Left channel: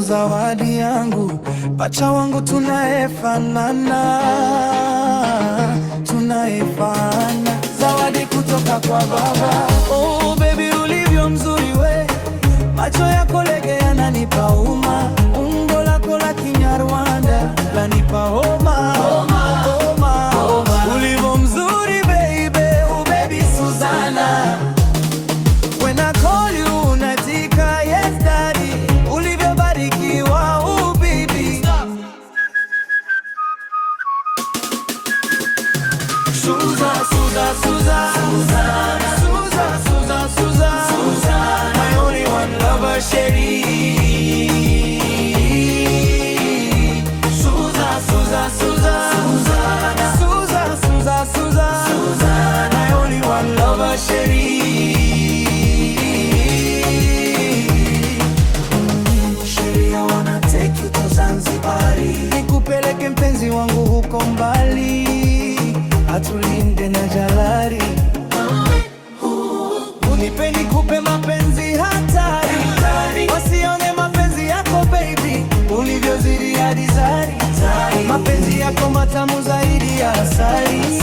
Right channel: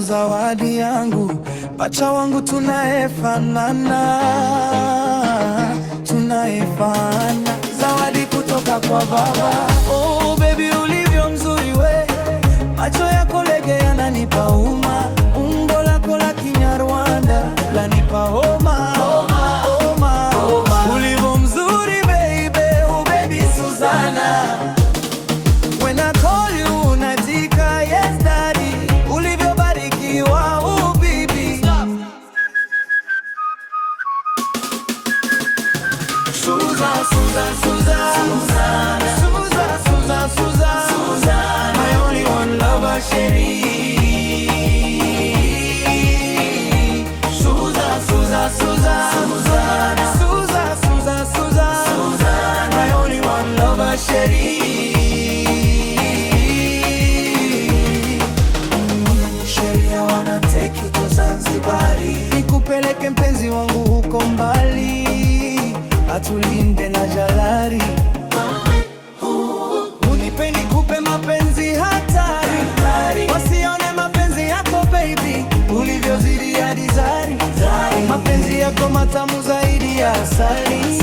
Zawadi yangu, pacha wangu, tunaefanana, zawadi kutoka kwa baba. Oh baby, ulivyo mzuri we, macho yako lege yananipa uma, umbo lako la Kinyarwanda lanipa homa. Ulivyo mzuri baby, oh baby Suzana, when I call you unatika yes daddy. Ulivyobarikiwa oh baby, Suzana, my only one lover, Sheri. Suzana, my only one lover, Sheri. Nikupeleke mpenzi wangu huko mbali, atulinde na jalari. Unipe nikupe mapenzi hatari, wasione mapenzi yako baby, ulivyozidi hadi zari. Mapenzi yako matamu zaidi ya asali.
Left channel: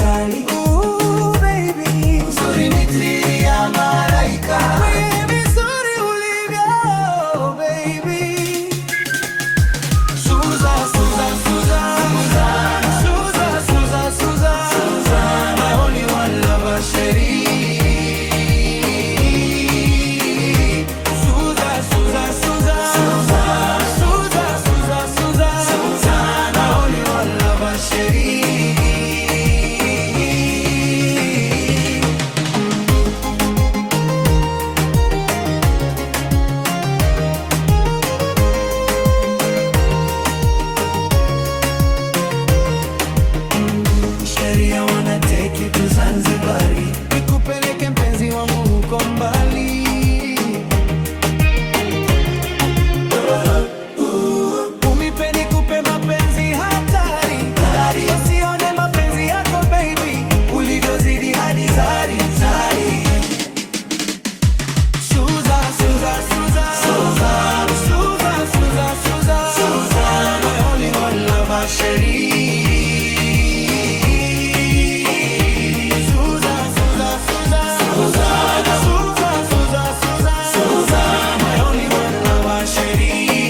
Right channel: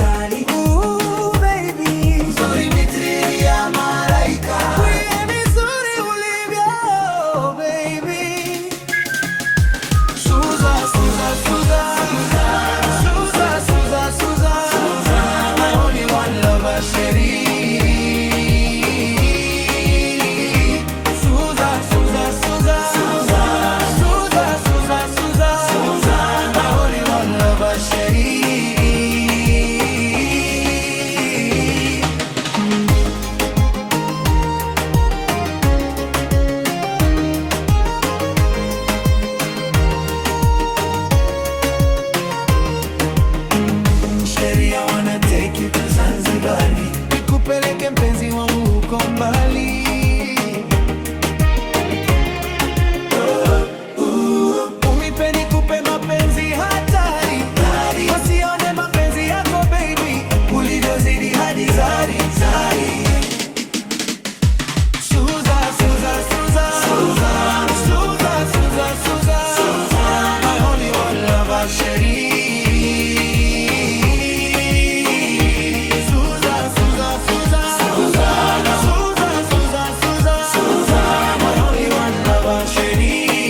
Baby, uzuri mitiri ya malaika, wewe mzuri ulivyo baby. Suzana, my only one lover, Sheri. Suzana, my only one lover, Sheri. Take you to Zanzibari, nikupeleke mpenzi wangu huko mbali. Unipe nikupe mapenzi hatari, wasione mapenzi yako baby, ulivyozidi hadi zari. Suzana, my only one lover, Sheri. Suzana, my only one lover, Sheri.